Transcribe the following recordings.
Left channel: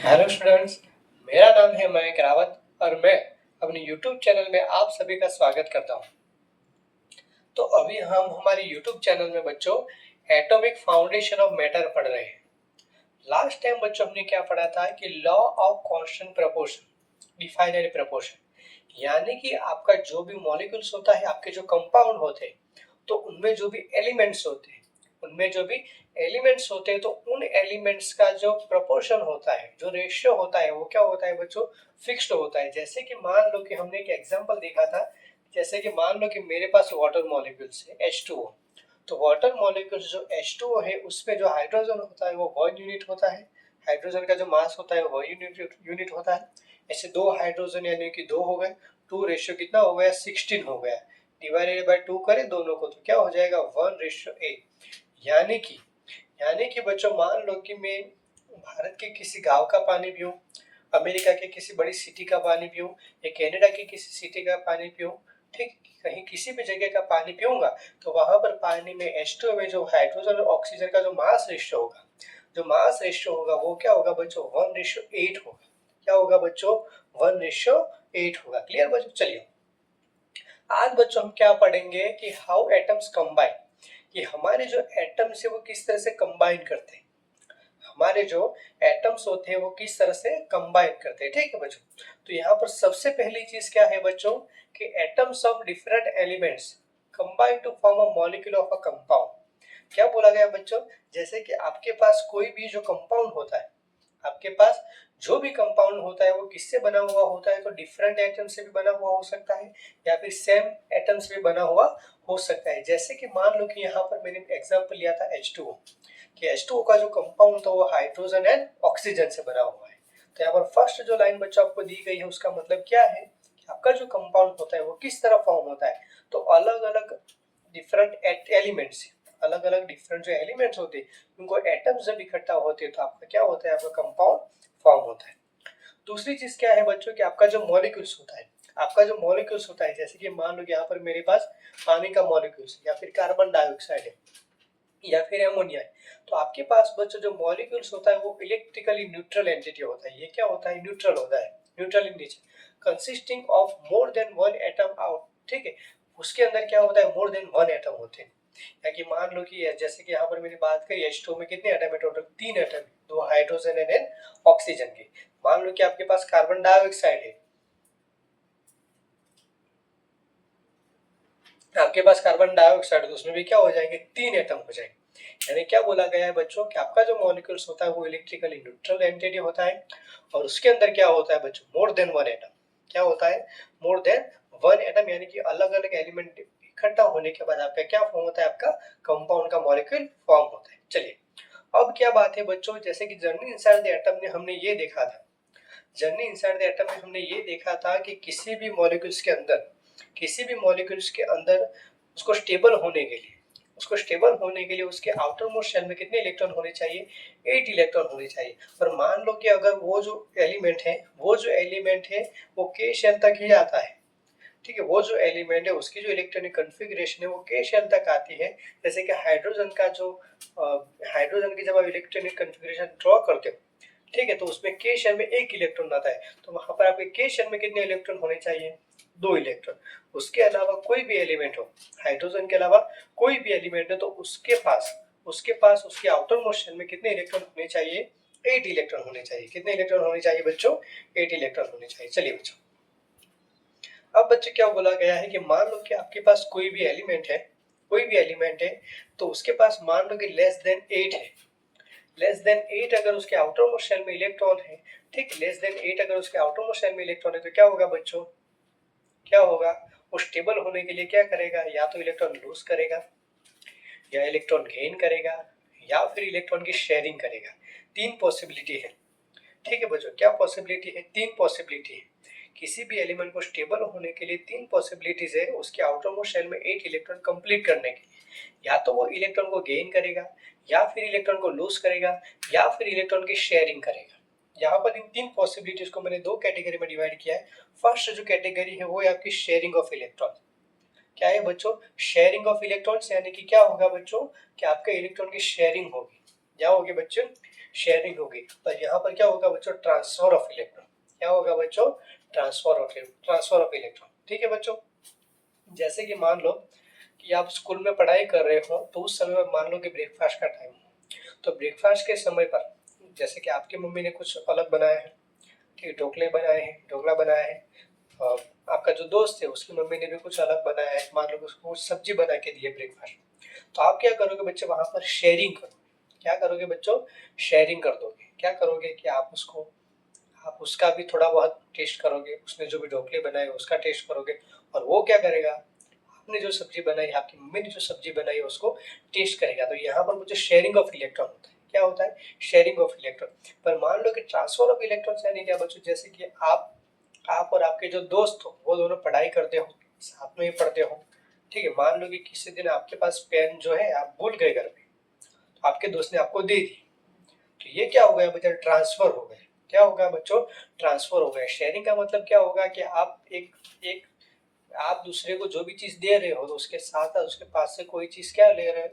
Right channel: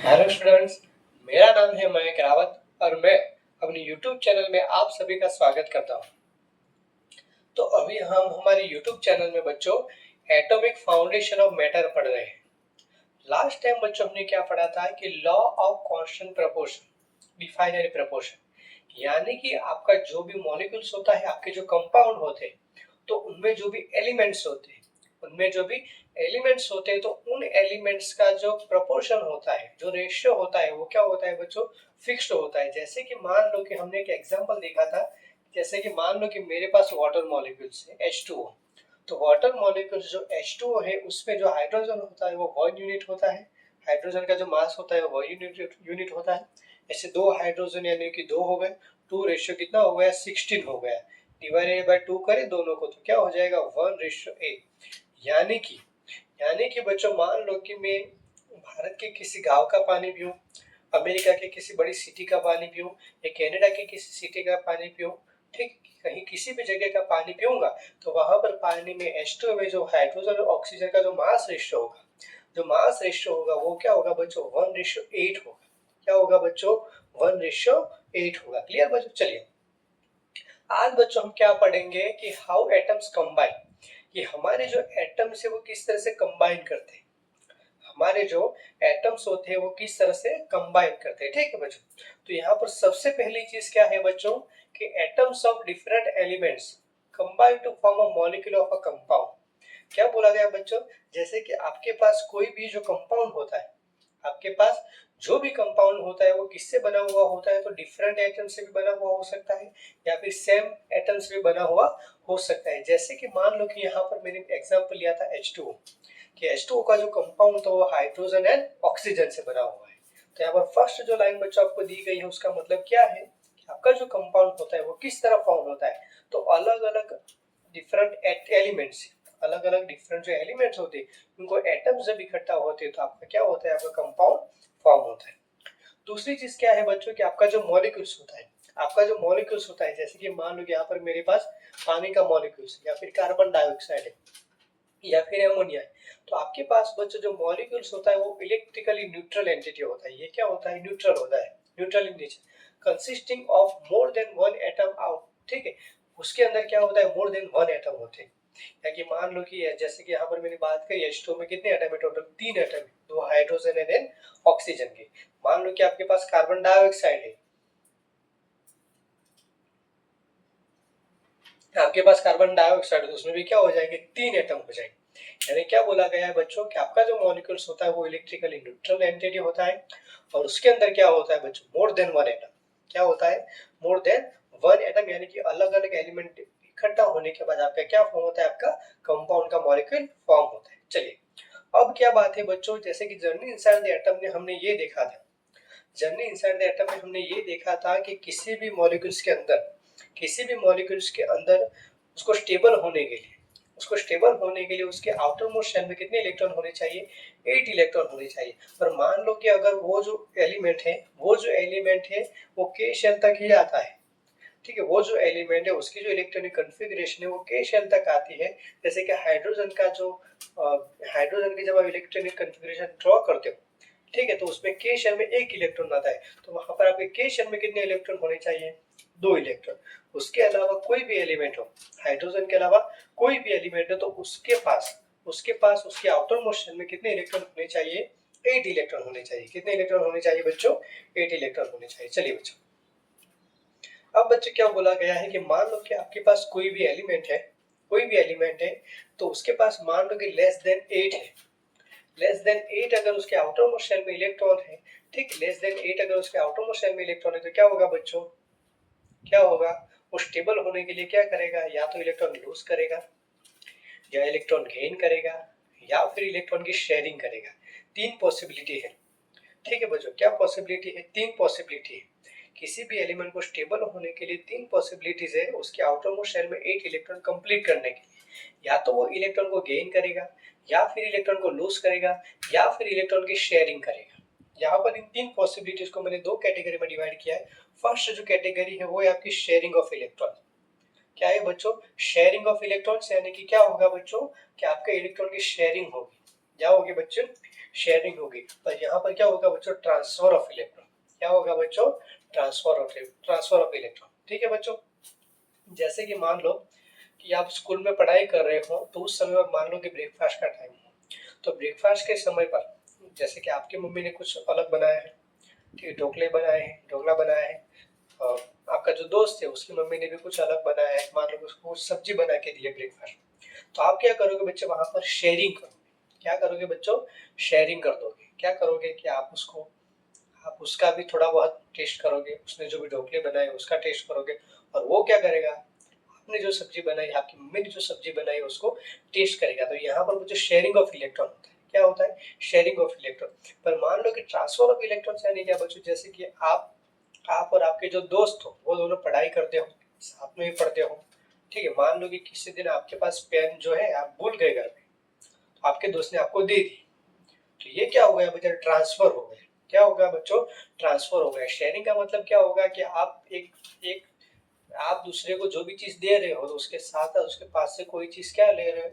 Hello students, मेरा नाम है मयंक रावत और मैं अपने YouTube चैनल में आप सभी का स्वागत करता हूं। तो अभी हम हमारे YouTube चैनल में बच्चों एटॉमिक फाउंडेशन ऑफ मैटर पढ़ रहे हैं। लास्ट टाइम बच्चों हमने क्या पढ़ा था कि law of constant proportion, definite proportion, यानी कि आपका जो भी मॉलिक्यूल्स होता है, आपके जो कंपाउंड होते हैं, तो उनमें जो भी एलिमेंट्स होते हैं, तो उन एलिमेंट्स का जो प्रोपोर्शन होता है, जो रेशियो होता है, वो क्या होता है बच्चों, फिक्स्ड होता है। जैसे कि मान लो कि हमने एक एग्जांपल देखा था, जैसे कि मान लो कि मेरे पास वाटर मॉलिक्यूल्स है H2O। तो वाटर मॉलिक्यूल्स जो H2O है, उसमें जो हाइड्रोजन होता है वो 1 यूनिट होता है। हाइड्रोजन का जो मास होता है वो यूनिट होता है। ऐसे दो हाइड्रोजन यानी कि दो हो गए, 2 रेशियो कितना हो गया, 16 हो गया। डिवाइडेड बाय 2 करें दोनों को तो क्या हो जाएगा, 1:8। यानी कि बच्चों मान लो कि मैं भारत के किसी गांव का पानी पीऊं, अमेरिका के किसी बड़ी सिटी का पानी पीऊं, या कनाडा की किसी सिटी का पानी पीऊं, ठीक, कहीं किसी भी जगह का पानी पीऊंगा, तो वहां पर पानी में H2O में जो हाइड्रोजन और ऑक्सीजन का जो मास रेशियो होगा, वो क्या होगा बच्चों, 1:8 होगा। क्या होगा बच्चों, 1:8 होगा। क्लियर बच्चों? चलिए आज बच्चों हम क्या पढ़ेंगे कि हाउ एटम्स कंबाइन, कि हमारे जो एटम्स है वो किस तरह से कंबाइन करते हैं, हमारे जो एटम्स होते हैं वो किस तरह से कंबाइन करते हैं। ठीक है बच्चों, तो यहाँ पर सबसे पहली चीज क्या है बच्चों, कि atoms of different elements combine to form a molecule of a compound. क्या बोला गया बच्चों, जैसे कि आपके पास कोई भी जो कंपाउंड होता है, आपके पास जो भी कंपाउंड होता है वो किससे बना हुआ होता है, तो डिफरेंट एटम से भी बना हुआ हो सकता है या फिर सेम एटम से भी बना हुआ हो सकता है। जैसे कि मान लो कि यहाँ पर मैंने एग्जांपल लिया था H2O, कि H2O का जो कंपाउंड था वो हाइड्रोजन एंड ऑक्सीजन से बना हुआ है। तो यहाँ पर फर्स्ट जो लाइन बच्चों आपको दी गई है उसका मतलब क्या है, कि आपका जो कंपाउंड होता है वो किस तरह फॉर्म होता है, तो अलग अलग डिफरेंट एलिमेंट्स, अलग अलग डिफरेंट जो एलिमेंट्स होते हैं उनको एटम्स जब इकट्ठा होते हैं तो आपका क्या होता है, आपका कंपाउंड फॉर्म होता है। दूसरी चीज क्या है बच्चों, कि आपका जो मॉलिक्यूल्स होता है, जैसे कि मान लो कि यहाँ पर मेरे पास पानी का मॉलिक्यूल्स या फिर कार्बन डाइऑक्साइड है या फिर एमोनिया है, तो आपके पास बच्चों जो मॉलिक्यूल्स होता है वो इलेक्ट्रिकली न्यूट्रल एंटिटी होता है। ये क्या होता है, न्यूट्रल होता है, neutral in nature, consisting of more than one atom out. ठीक है, उसके अंदर क्या होता है, मोर देन वन एटम होते हैं। या कि मान लो कि जैसे कि यहाँ पर मैंने बात करी H2O में कितने एटम है, टोटल 3 एटम है, 2 हाइड्रोजन एंड एन ऑक्सीजन के। मान लो कि आपके पास कार्बन डाइऑक्साइड है, आपके पास कार्बन डाइऑक्साइड, तो उसमें भी क्या हो जाएंगे, 3 एटम हो जाएंगे। यानी क्या बोला गया है बच्चों, कि आपका जो मॉलिक्यूल्स होता है वो इलेक्ट्रिकली न्यूट्रल एंटिटी होता है, और उसके अंदर क्या होता है बच्चों, मोर देन वन एटम। क्या होता है, मोर देन वन एटम, यानी कि अलग अलग एलिमेंट इकट्ठा होने के बाद आपका क्या फॉर्म होता है, आपका कंपाउंड का मॉलिक्यूल फॉर्म होता है। चलिए अब क्या बात है बच्चों, जैसे कि जर्नी इनसाइड द एटम में हमने ये देखा था, जर्नी इनसाइड द एटम में हमने ये देखा था कि किसी भी मॉलिक्यूल्स के अंदर उसको स्टेबल होने के लिए उसके आउटर मोस्ट शेल में कितने इलेक्ट्रॉन होने चाहिए, 8 इलेक्ट्रॉन होने चाहिए। और मान लो कि अगर वो जो एलिमेंट है वो के शेल तक ही आता है, ठीक है, वो जो एलिमेंट है उसकी जो इलेक्ट्रॉनिक कॉन्फ़िगरेशन है वो के शेल तक आती है। जैसे कि हाइड्रोजन की जब आप इलेक्ट्रॉनिक कॉन्फ़िगरेशन ड्रॉ करते हो, ठीक है, तो उसमें के शेल में एक इलेक्ट्रॉन आता है, तो वहां पर आपके के शेल में कितने इलेक्ट्रॉन होने चाहिए, 2 इलेक्ट्रॉन। उसके अलावा कोई भी एलिमेंट हो, हाइड्रोजन के अलावा कोई भी एलिमेंट है, तो उसके पास उसके आउटर मोस्ट शेल में कितने इलेक्ट्रॉन होने चाहिए, 8 इलेक्ट्रॉन होने चाहिए। कितने इलेक्ट्रॉन होने चाहिए बच्चों, 8 इलेक्ट्रॉन होने चाहिए। चलिए बच्चों, अब बच्चे क्या बोला गया है कि मान लो कि आपके पास कोई भी एलिमेंट है, तो उसके पास मान लो कि लेस देन 8 है, लेस देन 8 अगर उसके आउटर मोस्ट शेल में इलेक्ट्रॉन है, ठीक, लेस देन 8 अगर उसके आउटर मोस्ट शेल में इलेक्ट्रॉन है, तो क्या होगा बच्चों, क्या होगा, वो स्टेबल होने के लिए क्या करेगा, या तो इलेक्ट्रॉन लूज करेगा, या इलेक्ट्रॉन गेन करेगा, या फिर इलेक्ट्रॉन की शेयरिंग करेगा। 3 पॉसिबिलिटी है। ठीक है बच्चों, क्या पॉसिबिलिटी है, 3 पॉसिबिलिटी है। किसी भी एलिमेंट को स्टेबल होने के लिए 3 पॉसिबिलिटीज है, उसके आउटर मोस्ट शेल में 8 इलेक्ट्रॉन कंप्लीट करने के लिए। या तो वो इलेक्ट्रॉन को गेन करेगा, या फिर इलेक्ट्रॉन को लूज करेगा, या फिर इलेक्ट्रॉन की शेयरिंग करेगा। यहाँ पर इन 3 पॉसिबिलिटीज को मैंने 2 कैटेगरी में डिवाइड किया है। फर्स्ट जो कैटेगरी है वो है आपकी शेयरिंग ऑफ इलेक्ट्रॉन। क्या है बच्चों, शेयरिंग ऑफ इलेक्ट्रॉन्स, यानी कि क्या होगा बच्चों, कि आपके इलेक्ट्रॉन की शेयरिंग होगी। क्या होगी बच्चों, शेयरिंग होगी, पर यहाँ पर क्या होगा बच्चों, ट्रांसफर ऑफ इलेक्ट्रॉन। क्या होगा बच्चों, ट्रांसफर ऑफ इलेक्ट्रॉन। ठीक है बच्चों, जैसे कि मान लो कि आप स्कूल में पढ़ाई कर रहे हो, तो उस समय मान लो कि ब्रेकफास्ट का टाइम हो, तो ब्रेकफास्ट के समय पर जैसे कि आपकी मम्मी ने कुछ अलग बनाया है, ठीक है, ढोकला बनाया है, और आपका जो दोस्त है उसकी मम्मी ने भी कुछ अलग बनाया है, मान लो उसको सब्जी बना के दी है ब्रेकफास्ट, तो आप क्या करोगे बच्चों, वहां पर शेयरिंग करोगे। क्या करोगे बच्चों, शेयरिंग कर दोगे। क्या करोगे कि आप उसका भी थोड़ा बहुत टेस्ट करोगे, उसने जो भी ढोकले बनाए उसका टेस्ट करोगे, और वो क्या करेगा, आपने जो सब्जी बनाई, आपकी मम्मी ने जो सब्जी बनाई उसको टेस्ट करेगा। तो यहाँ पर मुझे शेयरिंग ऑफ इलेक्ट्रॉन होता है। क्या होता है, शेयरिंग ऑफ इलेक्ट्रॉन। पर मान लो कि ट्रांसफर ऑफ इलेक्ट्रॉन यानी क्या बच्चों, जैसे कि आप और आपके जो दोस्त हो वो दोनों पढ़ाई करते हो, साथ में ही पढ़ते हो, ठीक है। मान लो कि किसी दिन आपके पास पेन जो है आप भूल गए घर पे, तो आपके दोस्त ने आपको दे दी, तो ये क्या हो गया बच्चा, ट्रांसफर हो गया। क्या होगा बच्चों, ट्रांसफर हो गया। शेयरिंग का मतलब क्या होगा कि आप एक एक आप दूसरे को जो भी चीज दे रहे हो, तो उसके साथ उसके पास से कोई चीज क्या ले रहे हो,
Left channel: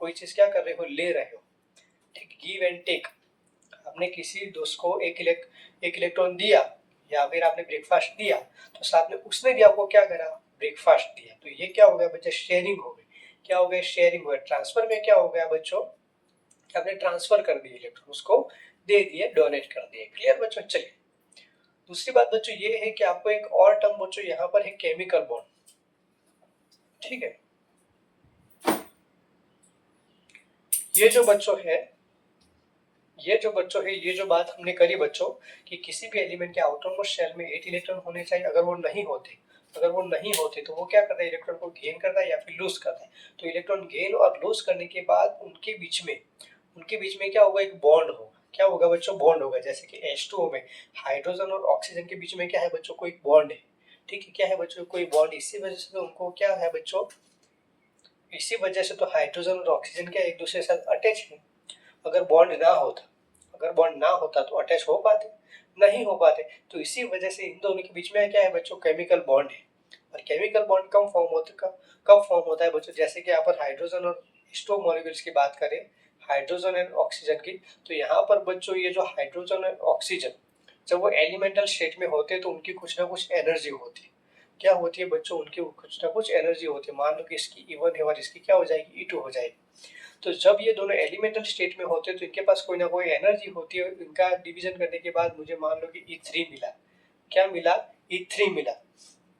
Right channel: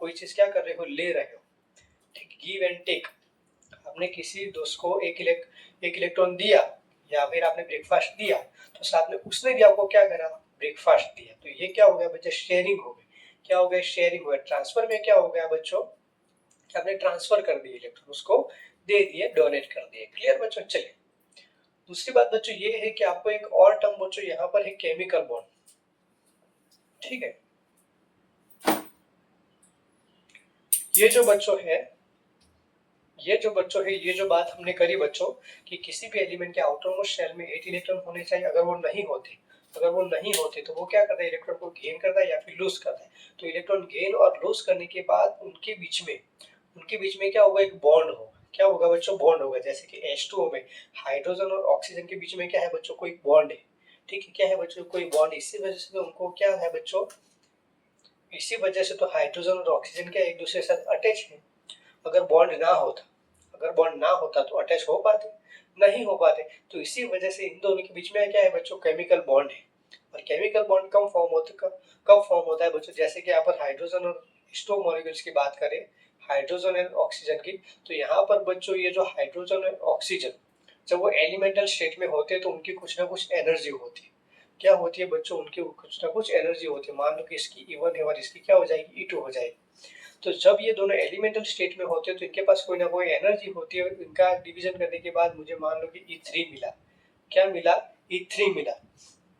कोई चीज क्या कर रहे हो, ले रहे हो, ठीक, गिव एंड टेक। आपने किसी दोस्त को एक इलेक्ट्रॉन दिया, या फिर आपने ब्रेकफास्ट दिया, तो साथ में उसने भी आपको क्या करा, ब्रेकफास्ट दिया। तो ये क्या हो गया बच्चा, शेयरिंग हो गई। क्या हो गया, शेयरिंग हो गया। ट्रांसफर में क्या हो गया बच्चों, आपने ट्रांसफर कर दिए इलेक्ट्रॉन, उसको दे दिए, डोनेट कर दिए। क्लियर बच्चों। चलिए, दूसरी बात बच्चों ये है कि आपको एक और टर्म बच्चों यहाँ पर है, केमिकल बॉन्ड। ठीक है, ये जो बच्चों है ये जो बात हमने करी बच्चों, कि किसी भी एलिमेंट के आउटर मोस्ट शेल में 8 इलेक्ट्रॉन होने चाहिए। अगर वो नहीं होते तो वो क्या करता है, इलेक्ट्रॉन को गेन करता है या फिर लूज करता है। तो इलेक्ट्रॉन गेन और लूज करने के बाद उनके बीच में क्या होगा, एक बॉन्ड होगा। क्या होगा बच्चों, बॉन्ड होगा। जैसे कि H2O में हाइड्रोजन और ऑक्सीजन के बीच में क्या है बच्चों, कोई बॉन्ड है। ठीक है, क्या है बच्चों, कोई बॉन्ड। इसी वजह से तो उनको क्या है बच्चों, इसी वजह से तो हाइड्रोजन और ऑक्सीजन क्या एक दूसरे के साथ अटैच है। अगर बॉन्ड ना होता तो अटैच हो पाते, नहीं हो पाते। तो इसी वजह से इन दोनों के बीच में क्या है बच्चों, केमिकल बॉन्ड है। और केमिकल बॉन्ड कब फॉर्म होता है बच्चों, जैसे कि यहाँ पर हाइड्रोजन और H2O मॉलिक्यूल्स की बात करें, हाइड्रोजन और ऑक्सीजन की, तो यहाँ पर बच्चों ये जो हाइड्रोजन और ऑक्सीजन जब वो एलिमेंटल स्टेट में होते हैं तो उनकी कुछ ना कुछ एनर्जी होती है। क्या होती है बच्चों, उनकी कुछ ना कुछ एनर्जी होती है। मान लो कि इसकी E1 है और इसकी क्या हो जाएगी, E2 हो जाएगी। तो जब ये दोनों एलिमेंटल स्टेट में होते हैं तो इनके पास कोई ना कोई एनर्जी होती है। इनका डिवीजन करने के बाद मुझे मान लो कि E3 मिला। क्या मिला, E3 मिला।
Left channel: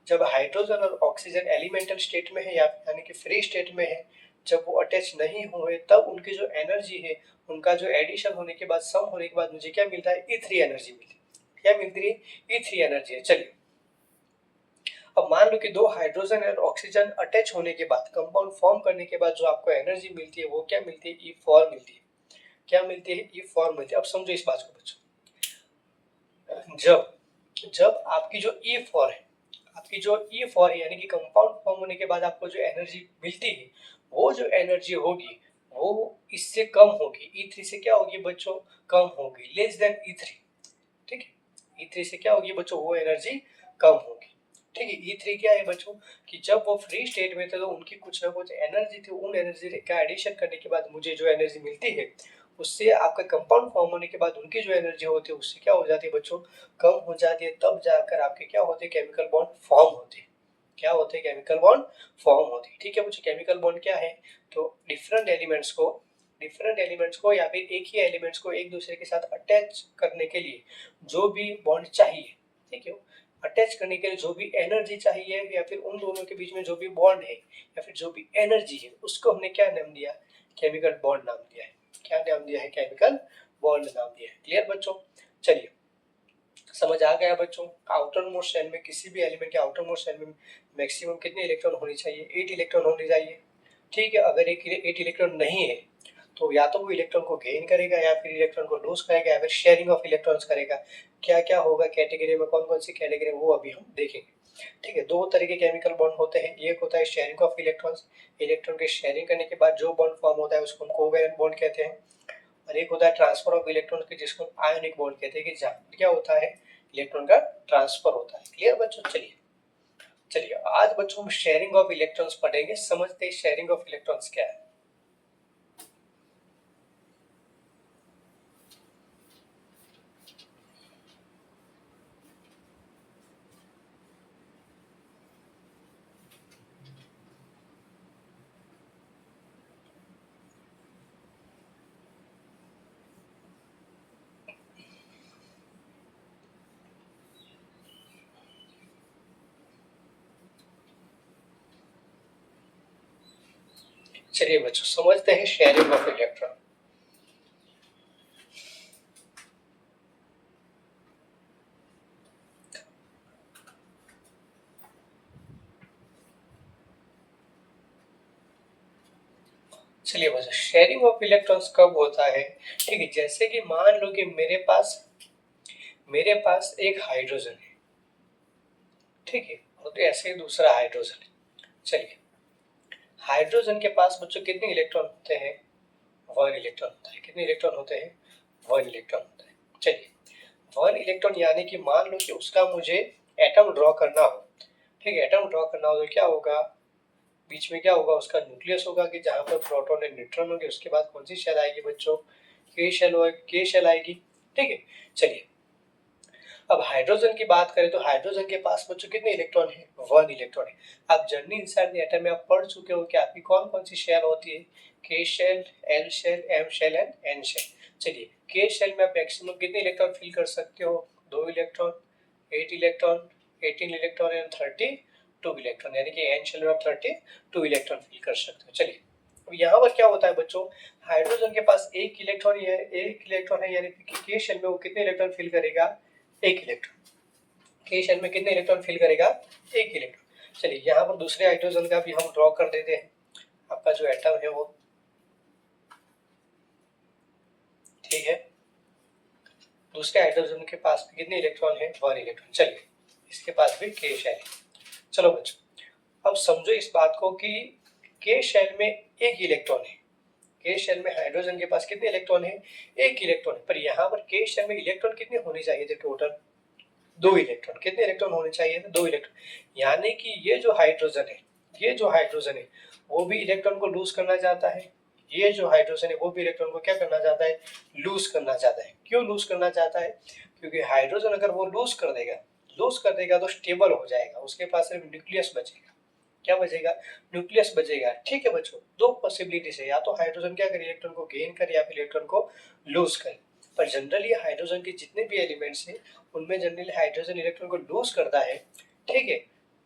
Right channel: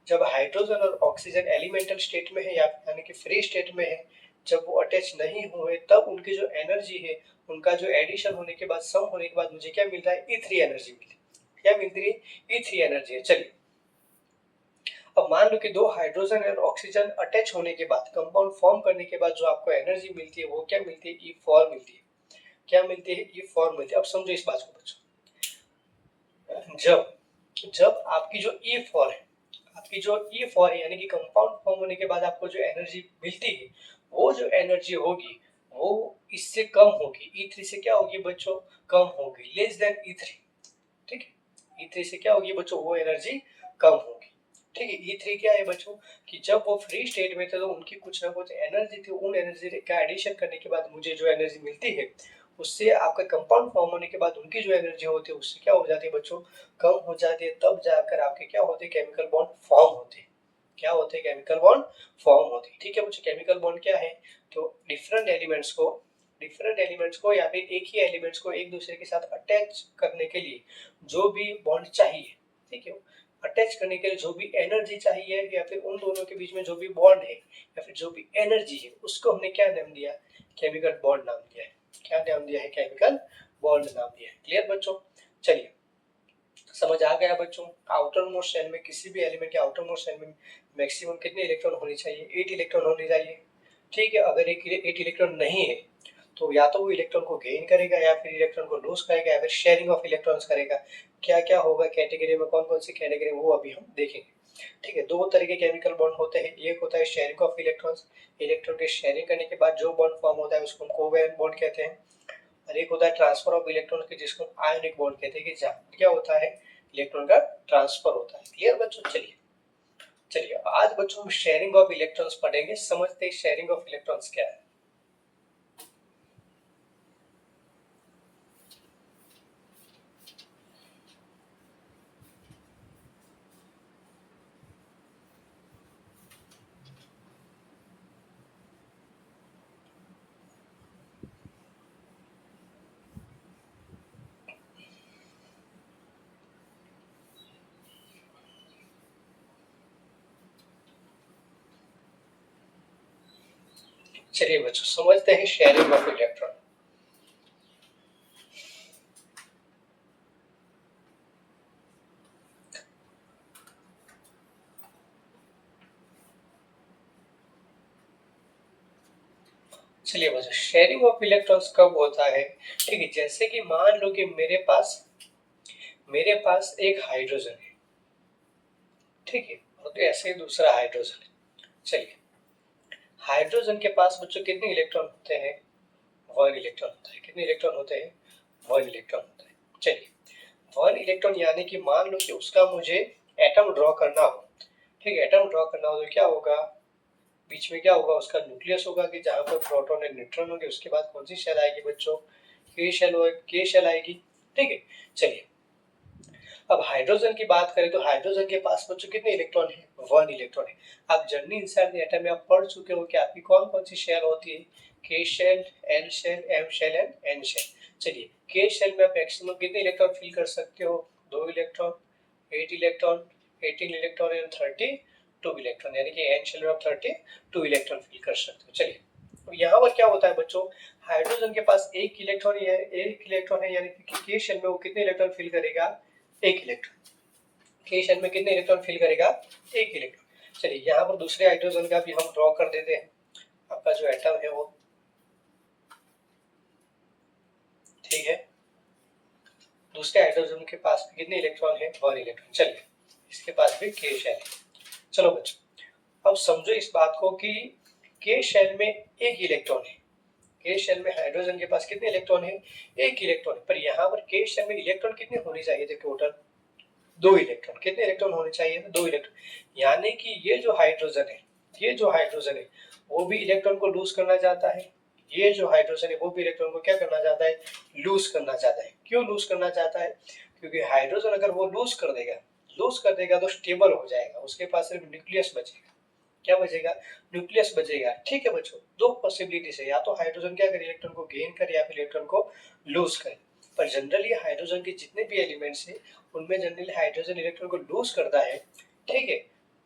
जब हाइड्रोजन और ऑक्सीजन एलिमेंटल स्टेट में है यानी कि फ्री स्टेट में है, जब वो अटैच नहीं हुए, तब उनकी जो एनर्जी है, उनका जो एडिशन होने के बाद, सम होने के बाद मुझे क्या मिलता है, E3 एनर्जी मिलती है। क्या मिलती है, E3 एनर्जी है। चलिए, अब मान लो कि दो हाइड्रोजन और ऑक्सीजन अटैच होने के बाद, कंपाउंड फॉर्म करने के बाद जो आपको एनर्जी मिलती है वो क्या मिलती है, E4 मिलती है। क्या मिलती है, E4 मिलती है। अब समझो इस बात को बच्चों, जब जब आपकी जो E4 है, यानी कि कंपाउंड फॉर्म होने के बाद आपको जो एनर्जी मिलती है, वो जो एनर्जी होगी वो इससे कम होगी, E3 से क्या होगी बच्चों, कम होगी, लेस देन E3। ठीक है, E3 से क्या होगी बच्चों, वो एनर्जी कम होगी। ठीक है, E3 क्या है बच्चों, कि जब वो फ्री स्टेट में थे तो उनकी कुछ ना कुछ एनर्जी थी, उन एनर्जी का एडिशन करने के बाद मुझे जो एनर्जी मिलती है, उससे आपका कंपाउंड फॉर्म होने के बाद उनकी जो एनर्जी होती है उससे क्या हो जाती है बच्चों, कम हो जाती है। तब जाकर आपके क्या होते हैं, केमिकल बॉन्ड फॉर्म होते हैं। क्या होते हैं, केमिकल बॉन्ड फॉर्म होते हैं। ठीक है बच्चों, केमिकल बॉन्ड क्या है, तो डिफरेंट एलिमेंट्स को या फिर एक ही एलिमेंट्स को एक दूसरे के साथ अटैच करने के लिए जो भी बॉन्ड चाहिए, ठीक है, अटैच करने के लिए जो भी एनर्जी चाहिए, या फिर उन दोनों के बीच में जो भी बॉन्ड है या फिर जो भी एनर्जी है, उसको हमने क्या नाम दिया, केमिकल बॉन्ड नाम दिया है। क्या नाम दिया है, केमिकल बॉन्ड नाम दिया है। क्लियर बच्चों। चलिए, समझ आ गया बच्चों। आउटर मोस्ट शेल में, किसी भी एलिमेंट के आउटर मोस्ट शेल में मैक्सिमम कितने इलेक्ट्रॉन होने चाहिए, 8 इलेक्ट्रॉन होने चाहिए। ठीक है, अगर एक 8 इलेक्ट्रॉन नहीं है तो या तो वो इलेक्ट्रॉन को गेन करेगा या फिर इलेक्ट्रॉन को लूज करेगा या फिर शेयरिंग ऑफ इलेक्ट्रॉन्स करेगा। क्या क्या होगा कैटेगरी में, कौन कौन सी कैटेगरी, वो अभी हम देखेंगे। ठीक है, दो तरह के केमिकल बॉन्ड होते हैं। एक होता है शेयरिंग ऑफ इलेक्ट्रॉन्स, इलेक्ट्रॉन के शेयरिंग करने के बाद जो बॉन्ड फॉर्म होता है उसको हम कोवैलेंट बॉन्ड कहते हैं। और एक होता है ट्रांसफर ऑफ इलेक्ट्रॉन के, जिसको हम आयनिक बॉन्ड कहते हैं, कि जहाँ क्या होता है, इलेक्ट्रॉन का ट्रांसफर होता है। क्लियर बच्चों। चलिए चलिए, आज बच्चों हम शेयरिंग ऑफ इलेक्ट्रॉन्स पढ़ेंगे। समझते हैं शेयरिंग ऑफ इलेक्ट्रॉन्स क्या है। चलिए बच्चों समझते हैं शेयरिंग ऑफ इलेक्ट्रॉन। चलिए बच्चों शेयरिंग ऑफ इलेक्ट्रॉन्स कब होता है? ठीक है, जैसे कि मान लो कि मेरे पास एक हाइड्रोजन है, ठीक है, और तो ऐसे ही दूसरा हाइड्रोजन है। चलिए हाइड्रोजन के पास बच्चों कितने इलेक्ट्रॉन होते हैं? 1 इलेक्ट्रॉन होता है। कितने इलेक्ट्रॉन होते हैं? 1 इलेक्ट्रॉन होता है। चलिए 1 इलेक्ट्रॉन यानी कि मान लो कि उसका मुझे एटम ड्रॉ करना हो, ठीक है, एटम ड्रॉ करना हो तो क्या होगा? बीच में क्या होगा? उसका न्यूक्लियस होगा कि जहां पर प्रोटॉन और न्यूट्रॉन होंगे। उसके बाद कौन सी शेल आएगी बच्चों? के शेल आएगी, ठीक है। चलिए अब हाइड्रोजन की बात करें तो हाइड्रोजन के पास बच्चों कितने इलेक्ट्रॉन है? 1 इलेक्ट्रॉन है। आप जर्नी इनसाइड द एटम में आप पढ़ चुके हो कि आपकी कौन कौन सी शेल होती है? K shell, L shell, M shell and N shell. चलिए के शेल में आप मैक्सिमम कितने इलेक्ट्रॉन फिल कर सकते हो? 2 electron, 8 electron, 18 electron and 32 electron, यानी कि एन शेल में आप 32 इलेक्ट्रॉन फिल कर सकते हो। चलिए तो यहाँ पर क्या होता है बच्चों? हाइड्रोजन के पास एक इलेक्ट्रॉन है, यानी कि के शेल में वो कितने इलेक्ट्रॉन फिल करेगा? 1 इलेक्ट्रॉन। के शेल में कितने इलेक्ट्रॉन फिल करेगा? 1 इलेक्ट्रॉन। चलिए यहाँ पर दूसरे हाइड्रोजन का भी हम ड्रॉ कर देते हैं। आपका जो एटम है वो, ठीक है, दूसरे हाइड्रोजन के पास भी कितने इलेक्ट्रॉन है? 1 इलेक्ट्रॉन। चलिए इसके पास भी के शेल है। चलो बच्चों अब समझो इस बात को कि के शेल में 1 इलेक्ट्रॉन है। के शेल में हाइड्रोजन के पास कितने इलेक्ट्रॉन है? 1 इलेक्ट्रॉन है। पर यहाँ पर के शेल में इलेक्ट्रॉन कितने होने चाहिए थे टोटल? 2 इलेक्ट्रॉन। कितने इलेक्ट्रॉन होने चाहिए? 2 इलेक्ट्रॉन। यानी कि ये जो हाइड्रोजन है वो भी इलेक्ट्रॉन को लूज करना चाहता है। ये जो हाइड्रोजन है वो भी इलेक्ट्रॉन को क्या करना चाहता है? लूज करना चाहता है। क्यों लूज करना चाहता है? क्योंकि हाइड्रोजन अगर वो लूज कर देगा तो स्टेबल हो जाएगा, उसके पास सिर्फ न्यूक्लियस बचेगा। क्या बचेगा? न्यूक्लियस बचेगा। ठीक है बच्चों, दो पॉसिबिलिटी है, या तो हाइड्रोजन क्या करे? इलेक्ट्रॉन को गेन करे या फिर इलेक्ट्रॉन को लूज करे। पर जनरली हाइड्रोजन के जितने भी एलिमेंट्स हैं उनमें जनरली हाइड्रोजन इलेक्ट्रॉन को लूज करता है, ठीक है।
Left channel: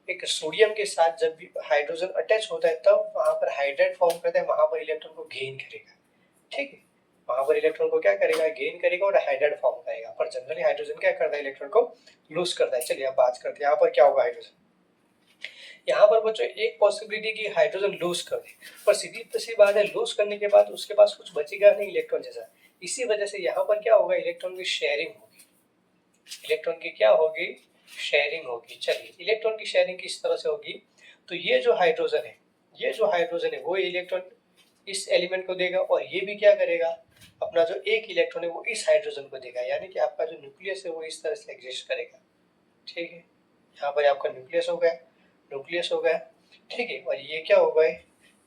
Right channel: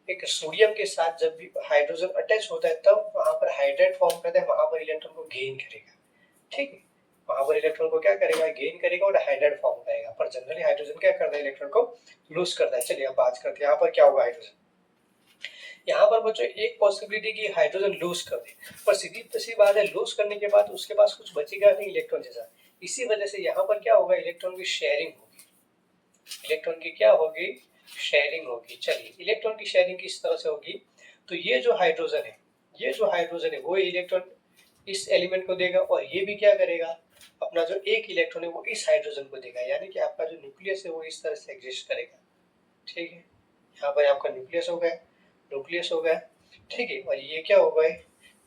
एक सोडियम के साथ जब भी हाइड्रोजन अटैच होता है तब वहां पर हाइड्राइड फॉर्म करता है, वहां पर इलेक्ट्रॉन को गेन करेगा, ठीक है। वहां पर इलेक्ट्रॉन को क्या करेगा? गेन करेगा और हाइड्राइड फॉर्म करेगा। पर जनरली हाइड्रोजन क्या करता है? इलेक्ट्रॉन को लूज करता है। चलिए अब बात करते हैं यहाँ पर क्या होगा हाइड्रोजन। यहाँ पर बच्चों एक पॉसिबिलिटी की हाइड्रोजन लूज कर दे, पर सीधी सी बात है लूज करने के बाद उसके पास कुछ बचेगा नहीं इलेक्ट्रॉन जैसा। इसी वजह से यहाँ पर क्या होगा? इलेक्ट्रॉन की शेयरिंग होगी। इलेक्ट्रॉन की क्या होगी? शेयरिंग होगी। चलिए इलेक्ट्रॉन की शेयरिंग किस तरह से होगी? तो ये जो हाइड्रोजन है वो इलेक्ट्रॉन इस एलिमेंट को देगा और ये भी क्या करेगा? अपना जो एक इलेक्ट्रॉन है वो इस हाइड्रोजन को देगा, यानी कि आपका जो न्यूक्लियस है वो इस तरह से एग्जिस्ट करेगा, ठीक है। यहाँ पर आपका न्यूक्लियस हो गया, ठीक है। और ये क्या हो गए?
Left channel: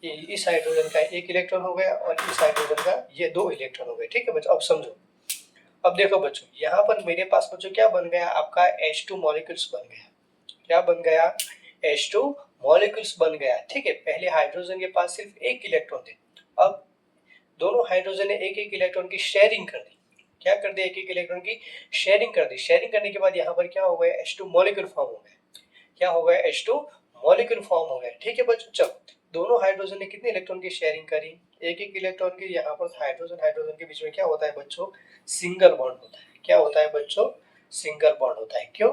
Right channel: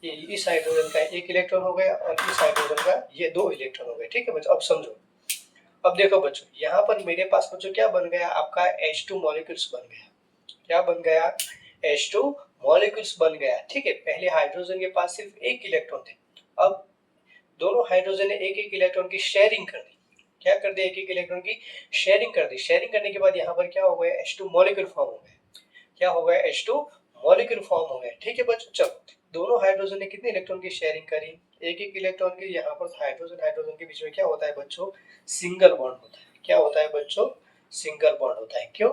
ये इस हाइड्रोजन का एक इलेक्ट्रॉन हो गया और इस हाइड्रोजन का ये 2 इलेक्ट्रॉन हो गए, ठीक है बच्चों। अब समझो, अब देखो बच्चों यहाँ पर मेरे पास बच्चों क्या बन गया? आपका H2 मॉलिक्यूल्स बन गया। क्या बन गया? H2 मॉलिक्यूल्स बन गया, ठीक है। पहले हाइड्रोजन के पास सिर्फ एक इलेक्ट्रॉन थे, अब दोनों हाइड्रोजन ने एक एक इलेक्ट्रॉन की शेयरिंग कर दी। क्या कर दिया? एक एक इलेक्ट्रॉन की शेयरिंग कर दी। शेयरिंग करने के बाद यहाँ पर क्या हो गया? H2 मॉलिक्यूल फॉर्म हो गया। क्या हो गया? H2 मॉलिक्यूल फॉर्म हो गया, ठीक है बच्चों। चलो दोनों हाइड्रोजन ने कितने इलेक्ट्रॉन की शेयरिंग करी? एक एक इलेक्ट्रॉन की। यहाँ पर हाइड्रोजन के बीच में क्या होता है बच्चों? सिंगल बॉन्ड होता है। क्या होता है बच्चों? सिंगल बॉन्ड होता है। क्यों?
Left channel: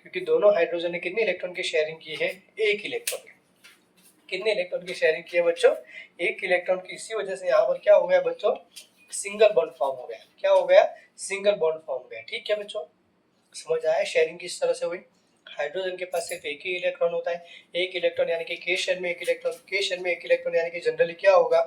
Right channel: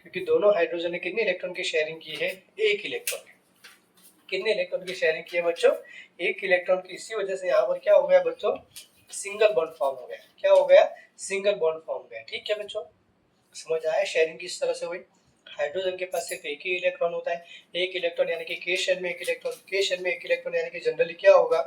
क्योंकि दोनों हाइड्रोजन ने कितने इलेक्ट्रॉन की शेयरिंग की है? एक इलेक्ट्रॉन की। कितने इलेक्ट्रॉन की शेयरिंग की है बच्चों? एक इलेक्ट्रॉन की। इसी वजह से यहाँ पर क्या हो गया बच्चों? सिंगल बॉन्ड फॉर्म हो गया। क्या हो गया? सिंगल बॉन्ड फॉर्म हो गया, ठीक है बच्चों। समझ आया शेयरिंग किस तरह से हुई? हाइड्रोजन के पास सिर्फ एक ही इलेक्ट्रॉन होता है, एक इलेक्ट्रॉन, यानी कि के शेल में एक इलेक्ट्रॉन। के शेल में एक इलेक्ट्रॉन यानी कि जनरली क्या होगा?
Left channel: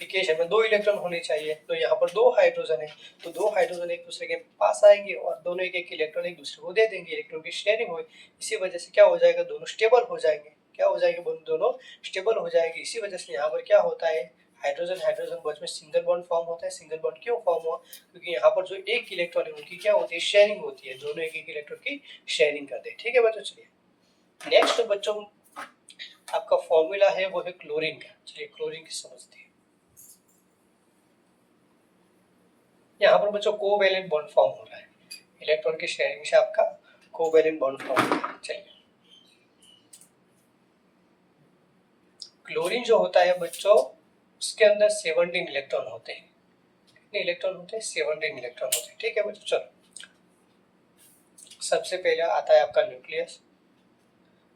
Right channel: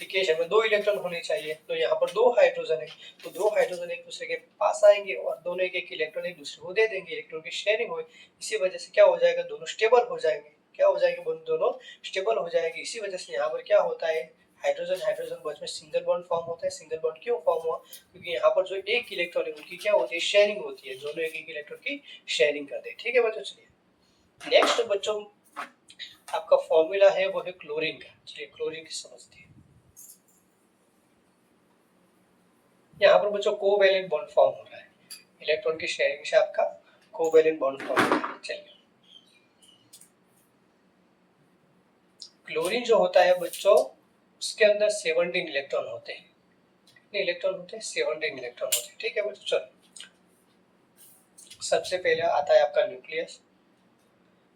कि के शेल में 2 इलेक्ट्रॉन होने चाहिए। तो यहाँ पर 2 हाइड्रोजन है, तो 2 हाइड्रोजन एक दूसरे के पास आएंगे और दोनों एक एक इलेक्ट्रॉन एक दूसरे को दे देंगे। इलेक्ट्रॉन की शेयरिंग हुई, इसी वजह से क्या हो जाएगा? दोनों स्टेबल हो जाएंगे। क्या हो जाएंगे? दोनों स्टेबल हो जाएंगे। इसी वजह से यहाँ पर क्या होता है? हाइड्रोजन हाइड्रोजन बीच में सिंगल बॉन्ड फॉर्म होता है। सिंगल बॉन्ड क्यों फॉर्म हुआ? क्योंकि यहाँ पर जो एक इलेक्ट्रॉन है उनकी क्या होती है? शेयरिंग होती है। दोनों एक एक इलेक्ट्रॉन की शेयरिंग करते हैं, ठीक है बच्चों। चलिए नेक्स्ट बच्चों आपका फॉर्मूला है वो है क्लोरीन का। चलिए क्लोरीन की समझते हैं। यहाँ पर बच्चों कोवैलेंट बॉन्ड फॉर्म हो रहा है, इलेक्ट्रॉन की शेयरिंग से आपका कोवैलेंट बॉन्ड फॉर्म हो रहा है। चलिए क्लोरीन जो होता है बच्चों, उसके अंदर 17 इलेक्ट्रॉन होते हैं। कितने इलेक्ट्रॉन होते हैं? 17 इलेक्ट्रॉन होते हैं। ठीक है बच्चों, चलो सबसे पहले आता है आपका न्यूक्लियस।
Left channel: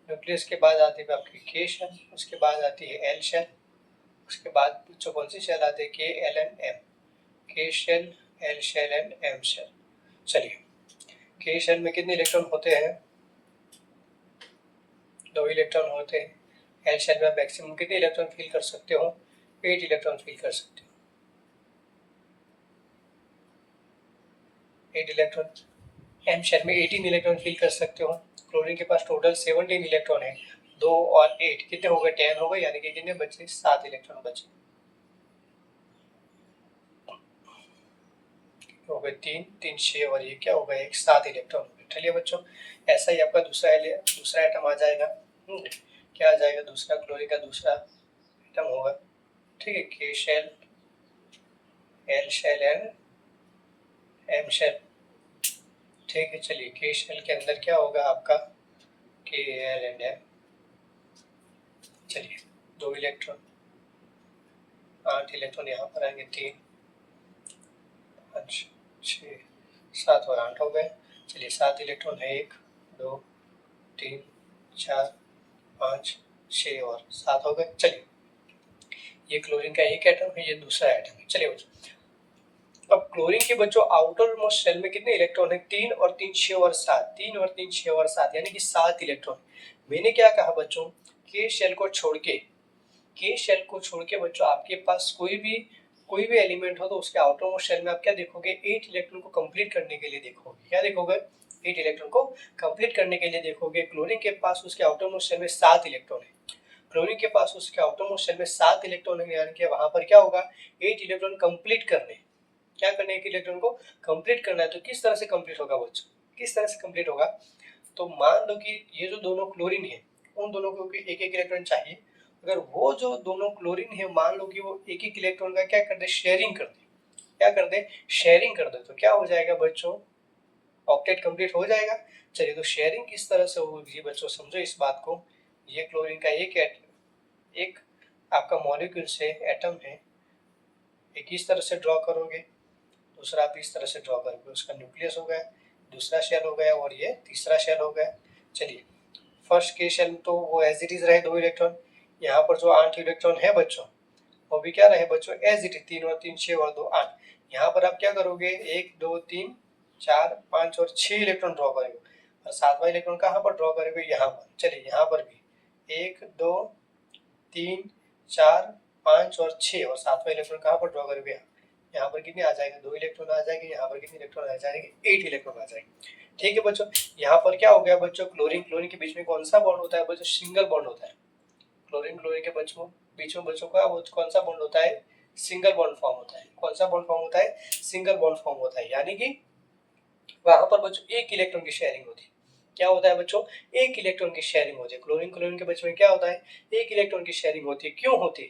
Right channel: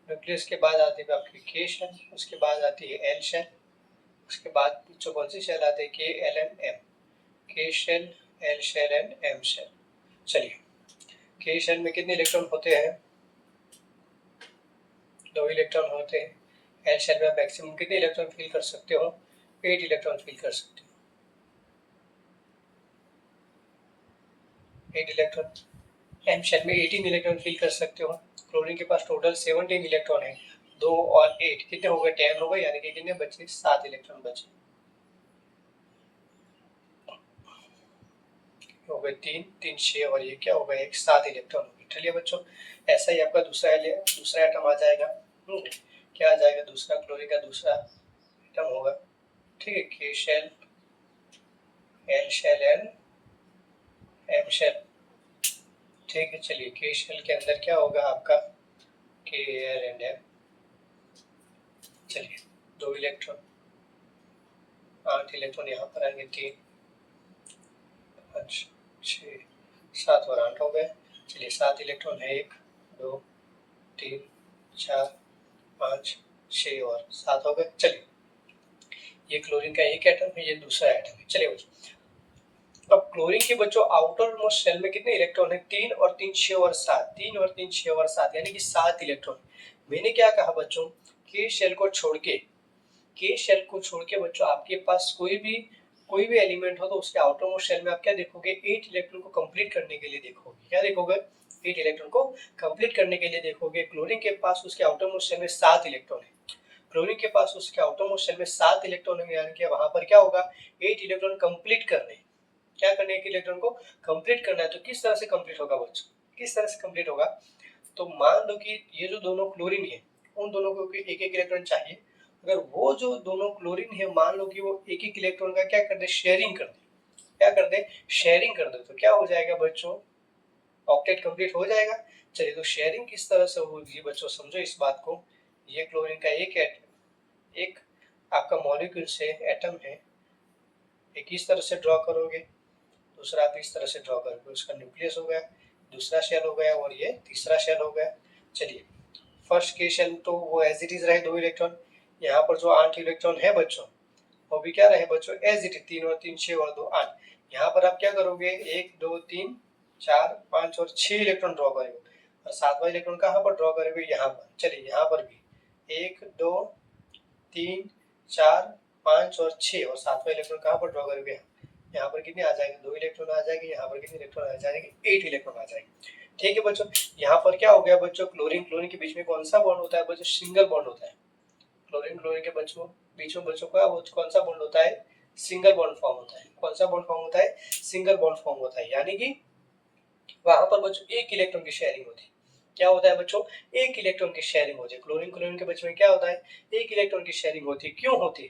न्यूक्लियस के बाद आती है आपकी के शेल, उसके बाद आती है एल शेल, उसके बाद बच्चों कौन सी शेल आती है? K, L and M. K shell, L shell and M shell. चलिए, के शेल में कितने इलेक्ट्रॉन होते हैं? 2 इलेक्ट्रॉन होते हैं। एल शेल में मैक्सिमम कितने इलेक्ट्रॉन फील कर सकते हो? 8 इलेक्ट्रॉन फील कर सकते हो। 8 इलेक्ट्रॉन। एम शेल में 18 इलेक्ट्रॉन फील कर सकते हो। क्लोरीन के पास टोटल 17 इलेक्ट्रॉन है। 2 और 8 कितने हो गए? 10 हो गए, यानी कि कितने बचे? 7 इलेक्ट्रॉन बचे हो गए। 3 3 6 और ये क्या हो गया? 1 7 इलेक्ट्रॉन हो गए। चलिए बच्चों, ऐसा ही आपका दूसरा एटम आ जाएगा। क्या आ जाएगा? दूसरा क्लोरीन का दूसरा एटम होगा। ठीक है, K shell, L shell and M shell. ठीक है, चलिए के शेल के अंदर क्या होगा आपका? के, एल एंड एम। चलिए, 2 इलेक्ट्रॉन, 8 इलेक्ट्रॉन यहाँ पर आएंगे। 3 5 6 7 और 8 हो गए। चलिए, 7 इलेक्ट्रॉन है। 1 2 3 4 5 6 और 7 हो गए। चलिए, ये क्लोरीन का एक एटम है, ये दूसरा एटम है। चलिए बच्चों, अब क्लोरीन के बच्चों आउटर मोस्ट शेल में कितने इलेक्ट्रॉन है? 3 और 3 6 और 7। 3 और 3 6 और 7 यानी कि 7 इलेक्ट्रॉन। मैंने क्या कहा बच्चों? के शेल को छोड़ के बच्चों आपके पास कोई भी एलिमेंट हो तो उसके आउटर मोस्ट शेल में आप क्या देखोगे? 8 इलेक्ट्रॉन को कंप्लीट करने के लिए देखोगे। क्या देखोगे? 8 इलेक्ट्रॉन को कंप्लीट करने के लिए देखोगे। क्लोरीन के पास उसके आउटर मोस्ट शेल में 7 इलेक्ट्रॉन है। क्लोरीन के पास उसके आउटर मोस्ट शेल में 7 इलेक्ट्रॉन है, यानी कि वहां पर क्या होगा? 8 इलेक्ट्रॉन कंप्लीट करने। क्या करने? एक इलेक्ट्रॉन को कंप्लीट करना है। तो किस तरह से कंप्लीट होगा बच्चों? किस तरह से कंप्लीट होगा? तो मान लो कि ये जो दोनों क्लोरीन है, उन दोनों को एक एक इलेक्ट्रॉन चाहिए। अगर वो जो दोनों क्लोरीन है, मान लो कि वो एक एक इलेक्ट्रॉन का क्या कर दे? शेयरिंग कर दे। क्या कर दे? शेयरिंग कर दे। तो क्या हो जाएगा बच्चों? ऑक्टेट कंप्लीट हो जाएगा। चलिए, तो शेयरिंग किस तरह से होगी बच्चों? समझो इस बात को। ये क्लोरीन का एक आपका मॉलिक्यूल से एटम है, एक इस तरह से ड्रॉ करोगे, दूसरा आप इस तरह से ड्रॉ करोगे। उसका न्यूक्लियस हो गया, दूसरा शेल हो गया, और ये तीसरा शेल हो गया। चलिए, फर्स्ट के शेल तो वो एज इट इज रहे 2 इलेक्ट्रॉन। यहाँ पर जो 8 इलेक्ट्रॉन है बच्चों, वो भी क्या रहे बच्चों? As it is. 3 और 3 6 और 2 8। यहाँ पर आप क्या करोगे? 1 2 3 4 5 और 6 इलेक्ट्रॉन ड्रॉ करोगे। और 7वां इलेक्ट्रॉन कहाँ पर ड्रॉ करोगे? यहाँ पर। चलिए, यहाँ पर भी 1 2 3 4 5 और 6 और 7वां इलेक्ट्रॉन कहाँ पर ड्रॉ करोगे? यहाँ पर कितने आ जाएंगे? 2 इलेक्ट्रॉन आ जाएंगे। यहाँ पर कितने इलेक्ट्रॉन आ जाएंगे? 8 इलेक्ट्रॉन आ जाएंगे। ठीक है बच्चों, यहाँ पर क्या हो गया बच्चों? क्लोरीन क्लोरीन के बीच में कौन सा बॉन्ड होता है बच्चों? सिंगल बॉन्ड होता है। क्लोरीन क्लोरीन के बीच में बच्चों का वो कौन सा बॉन्ड होता है? सिंगल बॉन्ड फॉर्म होता है। कौन सा बॉन्ड फॉर्म होता है? सिंगल बॉन्ड फॉर्म होता है, यानी कि वहां पर बच्चों एक इलेक्ट्रॉन की शेयरिंग होती है। क्या होता है बच्चों? एक इलेक्ट्रॉन की शेयरिंग होती है। क्लोरीन क्लोरीन के बीच में क्या होता है? एक इलेक्ट्रॉन की शेयरिंग होती है। क्यों होती है?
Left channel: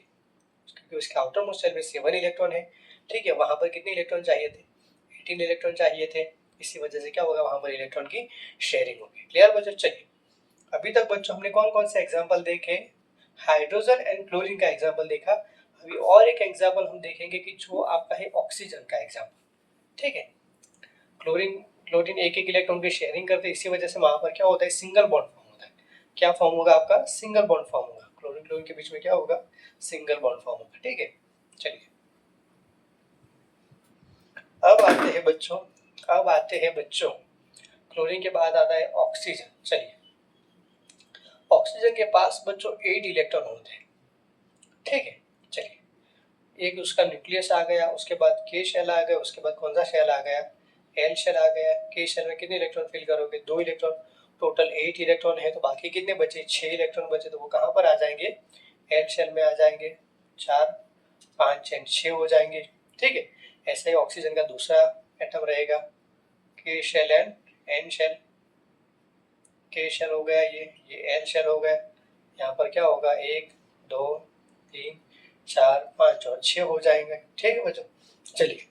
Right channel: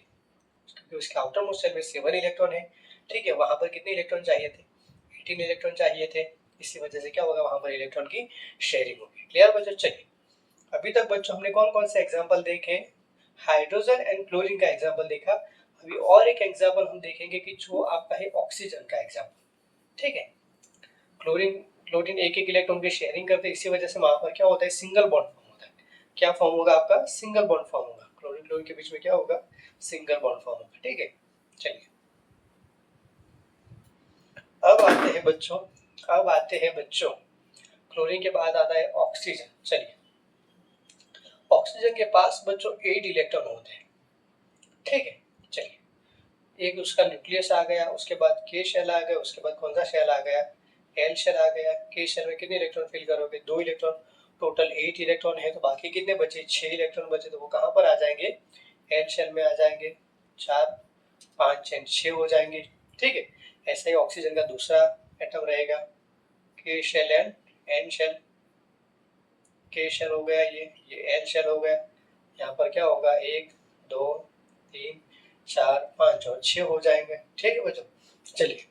क्योंकि उसके आउटर मोस्ट शेल में 7 इलेक्ट्रॉन है। ठीक है, वहां पर कितने इलेक्ट्रॉन चाहिए थे? 18 इलेक्ट्रॉन चाहिए थे। इसी वजह से क्या होगा? वहां पर इलेक्ट्रॉन की शेयरिंग होगी। क्लियर बच्चों? चलिए, अभी तक बच्चों हमने कौन कौन से एग्जांपल देखे? हाइड्रोजन एंड क्लोरीन का एग्जांपल देखा। अभी और एक एग्जांपल हम देखेंगे कि जो आपका है ऑक्सीजन का एग्जांपल। ठीक है, क्लोरीन क्लोरीन एक एक इलेक्ट्रॉन की शेयरिंग करते हैं, इसी वजह से वहां पर क्या होता है? सिंगल बॉन्ड फॉर्म होता है। क्या फॉर्म होगा आपका? सिंगल बॉन्ड फॉर्म होगा। क्लोरीन क्लोरीन के बीच में क्या होगा? सिंगल बॉन्ड फॉर्म होगा। ठीक है, चलिए, अब आते हैं बच्चों क्लोरीन के बाद आता है ऑक्सीजन। चलिए, ऑक्सीजन के पास बच्चों 8 इलेक्ट्रॉन होते हैं। ठीक है, चलिए, एक उसका न्यूक्लियस आ गया, उसके बाद के शेल आ गया, उसके बाद कौन सा शेल आ गया? एल शेल आ गया। के शेल में कितने इलेक्ट्रॉन फिल करोगे? 2 इलेक्ट्रॉन। टोटल 8 इलेक्ट्रॉन है, तो बाकी कितने बचे? 6 इलेक्ट्रॉन बचे, तो वो कहाँ पर आ जाएंगे? एल शेल में आ जाएंगे। 4 5 एंड 6 हो जाएंगे। ठीक है, ऐसे ही ऑक्सीजन का दूसरा एटम रहेगा, के शेल एंड एन शेल। के शेल हो गया, ये एल शेल हो गया। यहाँ पर क्या होगा? 1 2 3 4 5 और 6 हो जाएंगे। ठीक है बच्चों, चलिए,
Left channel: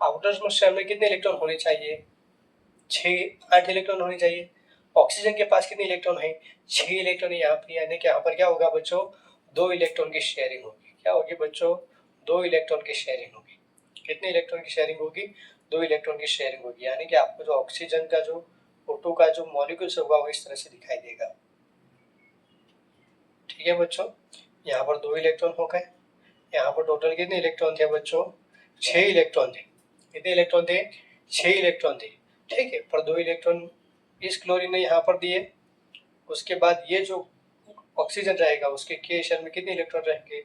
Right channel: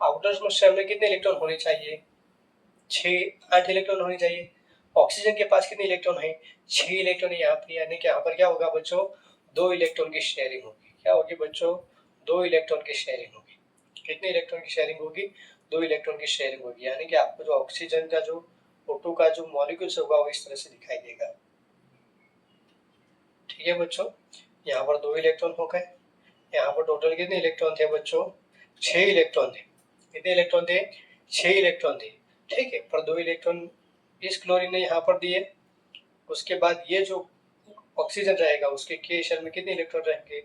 आउटर मोस्ट शेल में कितने इलेक्ट्रॉन होने चाहिए? 6 8 इलेक्ट्रॉन होने चाहिए। ऑक्सीजन के पास कितने इलेक्ट्रॉन है? 6 इलेक्ट्रॉन है यहाँ पर, यानी कि यहाँ पर क्या होगा बच्चों? दो इलेक्ट्रॉन की शेयरिंग होगी। क्या होगी बच्चों? दो इलेक्ट्रॉन की शेयरिंग होगी। कितने इलेक्ट्रॉन की शेयरिंग होगी? दो इलेक्ट्रॉन की शेयरिंग होगी। यानी कि आपको जो ऑक्सीजन का जो O2 का जो मॉलिक्यूल्स होगा वो इस तरह से दिखाई देगा। ठीक है बच्चों, यहाँ पर दो इलेक्ट्रॉन हो गए। यहाँ पर टोटल कितने इलेक्ट्रॉन थे बच्चों? 6 इलेक्ट्रॉन थे। कितने इलेक्ट्रॉन थे? 6 इलेक्ट्रॉन थे। ठीक है, पर दो इलेक्ट्रॉन इस क्लोरीन ने यहाँ पर दिए। उसके बाद ये जो ऑक्सीजन रहेगा उसके के शेल में कितने इलेक्ट्रॉन रहेंगे?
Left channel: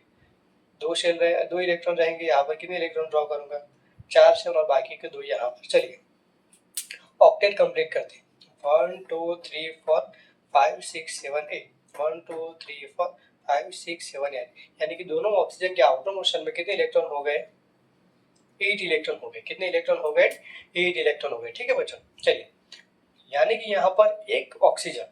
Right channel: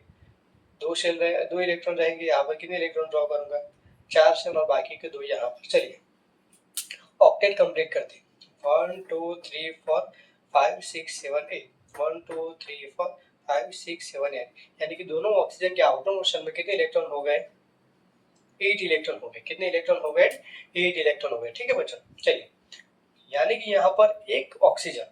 दो इलेक्ट्रॉन रहेंगे। यहाँ पर कितने इलेक्ट्रॉन ड्रॉ करूंगा? 4 शेल और बाकी के दो यहाँ पर। चलिए ऑक्टेट कंप्लीट करते हैं। 1 2 3 4 5 6 7 8 1 2 3 4 5 6 7 8 यानी कि दोनों ऑक्सीजन के आउटर मोशन में कितने इलेक्ट्रॉन हो गए? 8 इलेक्ट्रॉन हो गए। कितने इलेक्ट्रॉन हो गए? 8 इलेक्ट्रॉन हो गए। ठीक है बच्चों, चलिए यानी कि यहाँ पर एक ऑक्सीजन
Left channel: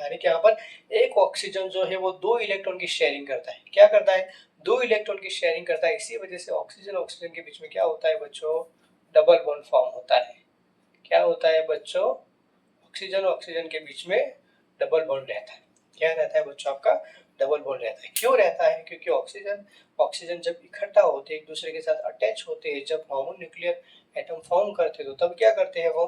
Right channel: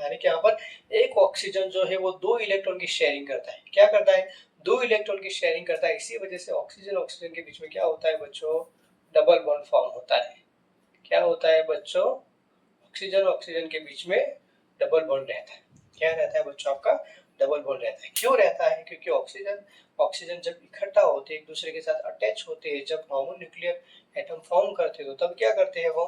यानी कि यहाँ पर एक ऑक्सीजन जो है वो दो इलेक्ट्रॉन की शेयरिंग करता है। क्या करता है? दो इलेक्ट्रॉन की शेयरिंग करता है। इसी वजह से ऑक्सीजन ऑक्सीजन के बीच में क्या होता है बच्चों? डबल बॉन्ड फॉर्म होता है। क्या होता है बच्चों? ऑक्सीजन ऑक्सीजन के बीच में डबल बॉन्ड रहता है। क्या रहता है बच्चों? आपका डबल बॉन्ड रहता है। क्यों रहता है? क्योंकि ऑक्सीजन ऑक्सीजन जब इकट्ठा होते हैं, एक दूसरे के साथ अटैच होते हैं, जब होमोन्यूक्लियर एटम फॉर्म करते हैं तो तब क्या करते हैं वो?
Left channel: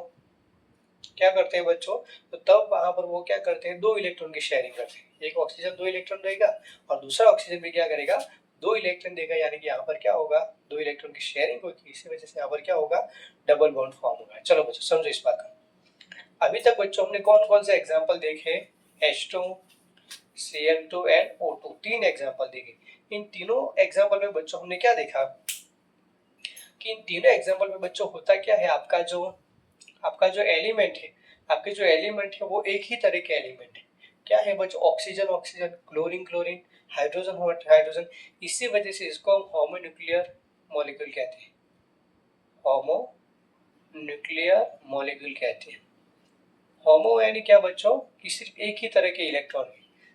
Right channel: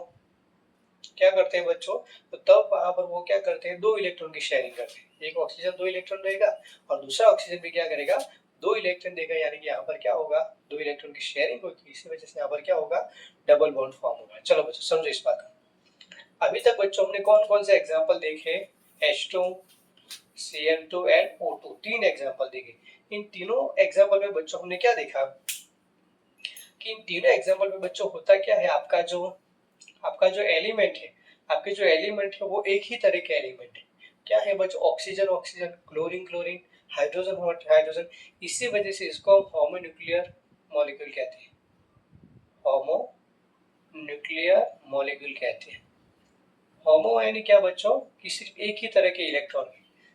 क्या करते हैं बच्चों? तो तब वहां पर वो क्या करते हैं? दो इलेक्ट्रॉन की शेयरिंग करते हैं। एक ऑक्सीजन दो इलेक्ट्रॉन देगा और दूसरा ऑक्सीजन भी क्या करेगा? दो इलेक्ट्रॉन देगा। यानी कि यहाँ पर क्या होगा? दो इलेक्ट्रॉन की शेयरिंग होगी। इसी वजह से यहाँ पर क्या होगा? डबल बॉन्ड फॉर्म होगा। चलो बच्चों समझो इस बात को। अभी तक बच्चों हमने कौन कौन से एग्जाम्पल देखे? H2, Cl2 एंड O2, तीन एग्जाम्पल देखे। इन तीनों एग्जाम्पल में बच्चों हमने क्या देखा कि इन तीनों एग्जाम्पल में बच्चों होता क्या है? आपका जो एलिमेंट है, आपके जो एलिमेंट है वो एक ही तरह के एलिमेंट है। क्या है बच्चों? Oxygen oxygen, chlorine chlorine, hydrogen hydrogen. इसी वजह से इसको हम होमोन्यूक्लियर मॉलिक्यूल कहते हैं। होमोन्यूक्लियर मॉलिक्यूल कहते हैं। होमो यानी क्या बच्चों? कि सिर्फ एक ही तरह के इलेक्ट्रॉन,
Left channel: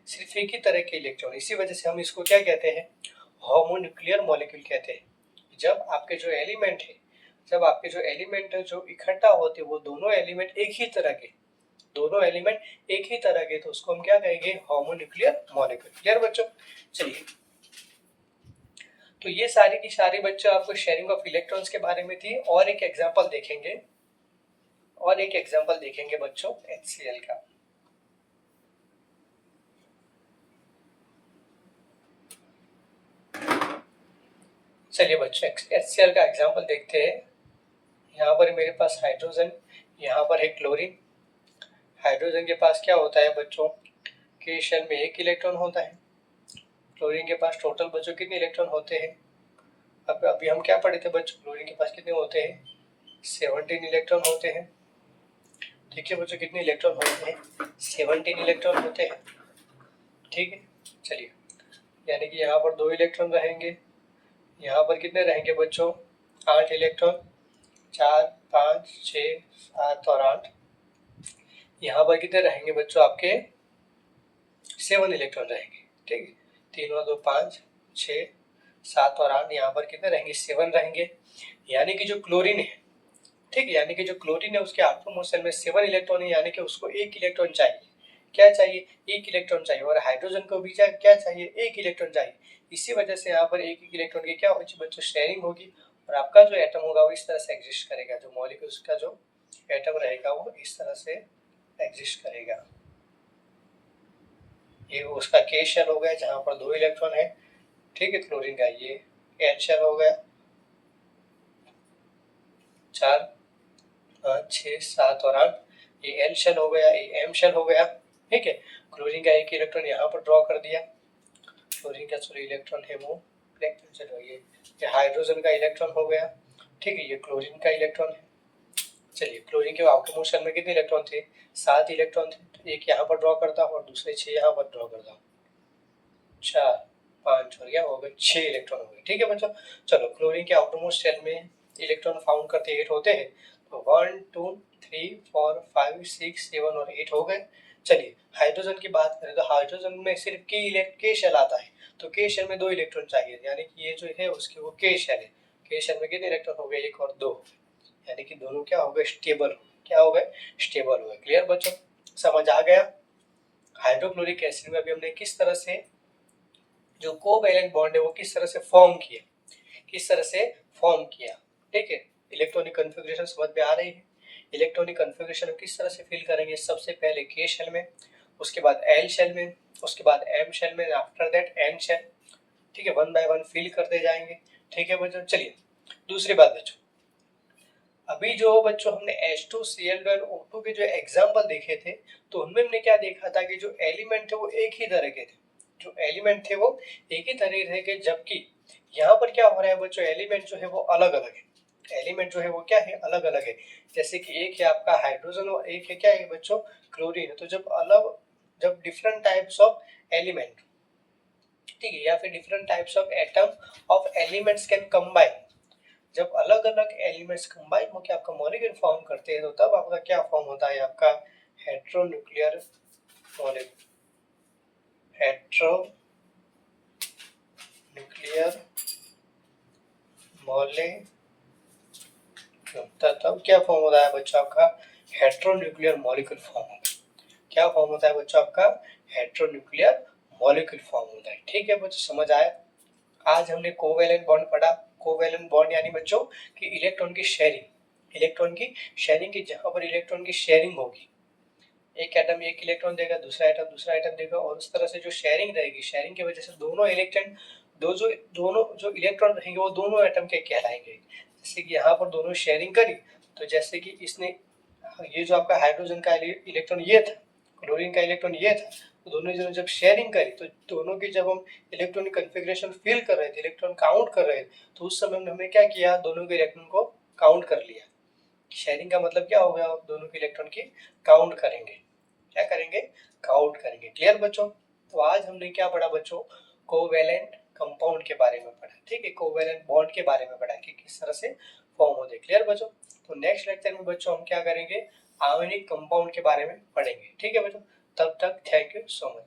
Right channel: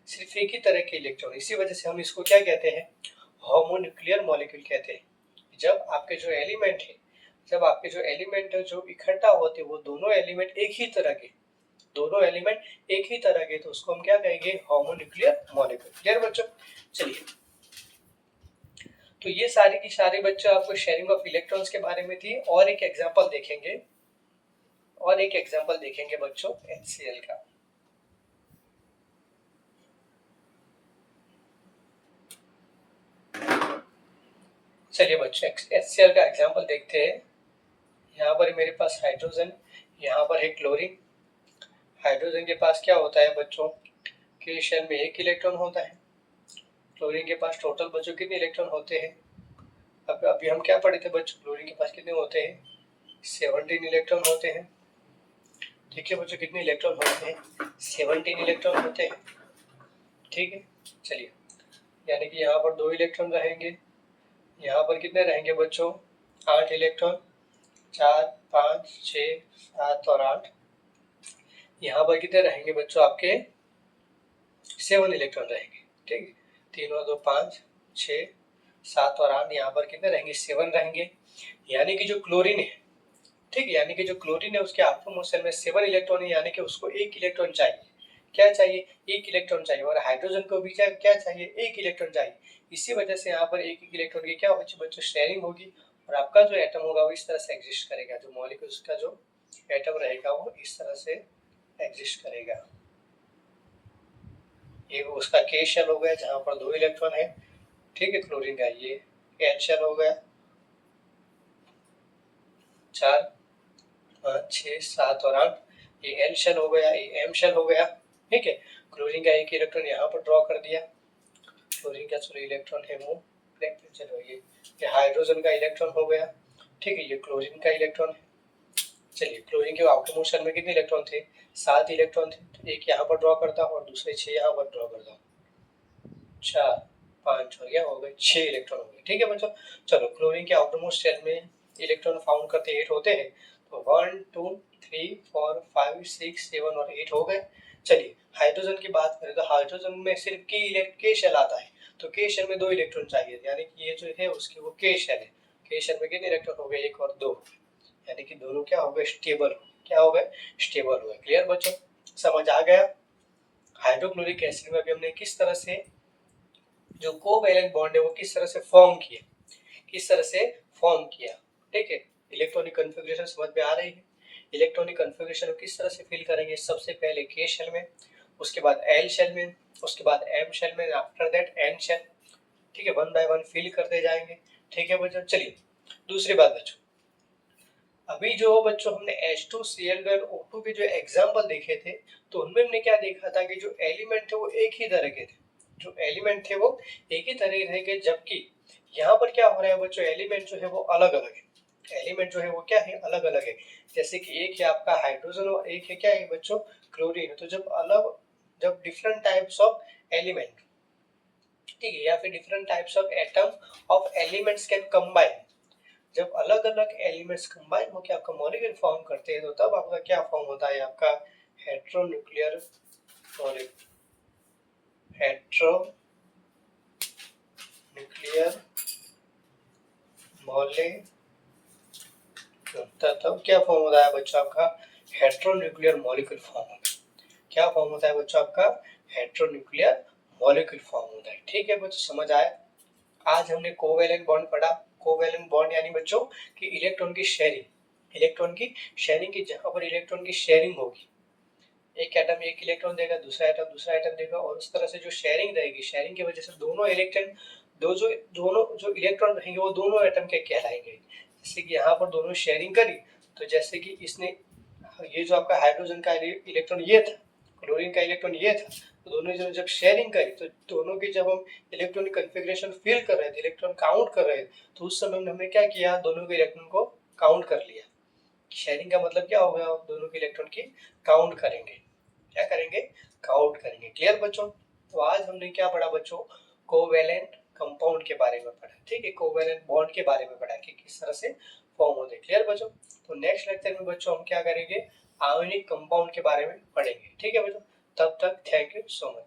सिर्फ एक ही तरह के इलेक्ट्रॉन। इसी वजह से हम इसको क्या कहते हैं? होमोन्यूक्लियर मॉलिक्यूल कहते हैं। जब आपके जो एलिमेंट है, जब आपके जो एलिमेंट है जो इकट्ठा होते हैं वो दोनों एलिमेंट एक ही तरह के, दोनों एलिमेंट एक ही तरह के, तो उसको हम क्या कहेंगे? Homonuclear molecule. क्लियर बच्चों? चलिए, तो ये सारी की सारी बच्चों आपको शेयरिंग ऑफ इलेक्ट्रॉन्स के बारे में थी। और एक एग्जांपल देखेंगे, और एक एग्जांपल देखेंगे बच्चों HCl का। चलिए बच्चों HCl का एग्जांपल देखते हैं। यहाँ पर मेरे पास हाइड्रोजन, यहाँ पर है क्लोरीन। हाइड्रोजन के पास क्या होता है बच्चों? के शेल में एक इलेक्ट्रॉन होता है। क्लोरीन के पास टोटल बच्चों कितने इलेक्ट्रॉन होते हैं? अब अभी हम क्या पढ़े थे बच्चों? क्लोरीन के पास कितने होते हैं? 17 इलेक्ट्रॉन होते हैं। ठीक है बच्चों, कितने इलेक्ट्रॉन होते हैं? 17 इलेक्ट्रॉन होते हैं। ठीक है, चलिए यानी कि यहाँ पर दो इलेक्ट्रॉन रहेंगे। यहाँ पर कितने रहेंगे बच्चों? 8 इलेक्ट्रॉन। 4 5 6 7 और 8। यहाँ पर कितने रहेंगे बच्चों? आपके 7 इलेक्ट्रॉन रहेंगे। ठीक है, 3 और 2 5 6 7 और 8। यहाँ पर कितने रहेंगे? 7 रहेंगे। यानी कि जो क्लोरीन है, ठीक है, यानी कि जो क्लोरीन है उसके आटोम मोशन में 7 इलेक्ट्रॉन है। यानी कि उसको एक इलेक्ट्रॉन चाहिए। क्या चाहिए? एक इलेक्ट्रॉन चाहिए। और हाइड्रोजन को भी क्या चाहिए? एक इलेक्ट्रॉन चाहिए। इसी वजह से यहाँ पर एक इलेक्ट्रॉन की क्या होगी बच्चों? शेयरिंग होगी। और आपका जो एटम होगा वो इस तरह से एग्जिस्ट करेगा। जो मॉलिक्यूल्स का जो एटम रहेगा वो इस तरह से एग्जिस्ट करेगा। ये उसका के शेल हो गया जहाँ पर दो इलेक्ट्रॉन है। ठीक है, क्लोरीन का ये एल शेल हो गया। 4 5 6 7 और 8। ये एल शेल हो गया, ये एम शेल हो गया। ठीक है, क्लोरीन का एक इलेक्ट्रॉन यहाँ पर ड्रॉ कर दिया। क्लोरीन का जो इलेक्ट्रॉन है वो ये हाइड्रोजन का इलेक्ट्रॉन हो गया। ठीक है, ये क्लोरीन का इलेक्ट्रॉन है। चलिए, क्लोरीन के आउटर मोशन में कितने इलेक्ट्रॉन थे? 7 इलेक्ट्रॉन थे। तो एक यहाँ पर ड्रॉ करता हूँ और दूसरे 6 यहाँ पर ड्रॉ करता हूँ। 4 5 और यह हो गए 6 इलेक्ट्रॉन हो गए। ठीक है बच्चों, चलो क्लोरीन के आउटर मोस्ट शेल में इलेक्ट्रॉन फाउंड करते 8 होते हैं। तो 1 2 3 4 5 6 7 और 8 हो गए। चलिए हाइड्रोजन की बात करें तो हाइड्रोजन में सिर्फ के शेल आता है। तो के शेल में दो इलेक्ट्रॉन चाहिए। यानी कि ये जो है उसकी वो के शेल है। के शेल में कितने इलेक्ट्रॉन हो गए? 1 और 2। यानी कि दोनों क्या हो गए? स्टेबल। क्या हो गए? स्टेबल हो गए। क्लियर बच्चों, समझ आ गया? हाइड्रोक्लोरिक एसिड में अभी हमने किस तरह से जो कोवैलेंट बॉन्ड है वो किस तरह से फॉर्म किया, किस तरह से फॉर्म किया। ठीक है, इलेक्ट्रॉनिक कन्फिग्रेशन समझ में आ रही है। इलेक्ट्रॉनिक कन्फिग्रेशन किस तरह से फिल करेंगे, सबसे पहले के शेल में, उसके बाद एल शेल में, उसके बाद एम शेल में, आफ्टर दैट एन शेल। ठीक है, वन बाय वन फिल करते जाएंगे। ठीक है बच्चों, चलिए दूसरी बात बच्चों, अभी जो बच्चों हमने H2Cl2NO2 के जो एग्जाम्पल देखे थे, तो उनमें हमने क्या देखा था कि जो एलिमेंट थे वो एक ही तरह के थे, जो एलिमेंट थे वो एक ही तरह के, जबकि यहाँ पर क्या हो रहा है बच्चों, एलिमेंट जो है वो अलग अलग है। एलिमेंट जो है वो क्या है, अलग अलग है। जैसे कि एक है आपका हाइड्रोजन और एक है क्या है बच्चों, क्लोरीन। तो जब डिफरेंट टाइप्स ऑफ एलिमेंट, ठीक है, या फिर different types of atom of elements can combine, जब अलग अलग एलिमेंट्स कंबाइन होकर आपका मॉलिक्यूल फॉर्म करते हैं, तो तब आपका क्या फॉर्म होता है, आपका हेट्रोन्यूक्लियर मॉलिक्यूल, हेट्रोन्यूक्लियर मॉलिक्यूल। तब क्या फॉर्म होता है बच्चों, आपका हेट्रोन्यूक्लियर मॉलिक्यूल फॉर्म होता है। क्या फॉर्म होता है बच्चों, आपका हेट्रोन्यूक्लियर मॉलिक्यूल फॉर्म होता है। ठीक है बच्चों, समझ आया। आज हमने कोवैलेंट बॉन्ड पढ़ा। कोवैलेंट बॉन्ड यानी बच्चों कि इलेक्ट्रॉन की शेयरिंग, इलेक्ट्रॉन की शेयरिंग की, जहां पर इलेक्ट्रॉन की शेयरिंग होगी, एक एटम एक इलेक्ट्रॉन देगा, दूसरा एटम दूसरा एटम देगा, और उस तरह से जो शेयरिंग रहेगी, शेयरिंग की वजह से दोनों जो इलेक्ट्रॉन रहेंगे वो दोनों एटम के कहलाएंगे। जैसे कि यहाँ पर दोनों शेयरिंग करी, तो जैसे कि इसने, ये जो आपका हाइड्रोजन का इलेक्ट्रॉन ये था, क्लोरीन का इलेक्ट्रॉन ये था, तो दोनों जन जब शेयरिंग करी, तो दोनों की जब हम इलेक्ट्रॉनिक कन्फिग्रेशन फिल कर रहे थे, इलेक्ट्रॉन काउंट कर रहे थे, तो उस समय में हमने क्या किया, दोनों के इलेक्ट्रॉन को काउंट कर लिया। शेयरिंग का मतलब क्या हो गया, दोनों के इलेक्ट्रॉन की काउंट करेंगे। क्या करेंगे, काउंट करेंगे। क्लियर बच्चों। तो आज हमने क्या पढ़ा बच्चों, कोवैलेंट कंपाउंड के बारे में पढ़ा। ठीक है, कोवैलेंट बॉन्ड के बारे में पढ़ा कि किस तरह से फॉर्म होते हैं। क्लियर बच्चों। तो नेक्स्ट लेक्चर में बच्चों हम क्या करेंगे, आयोनिक कंपाउंड के बारे में पढ़ेंगे। ठीक है बच्चों, तब तक थैंक यू सो मच।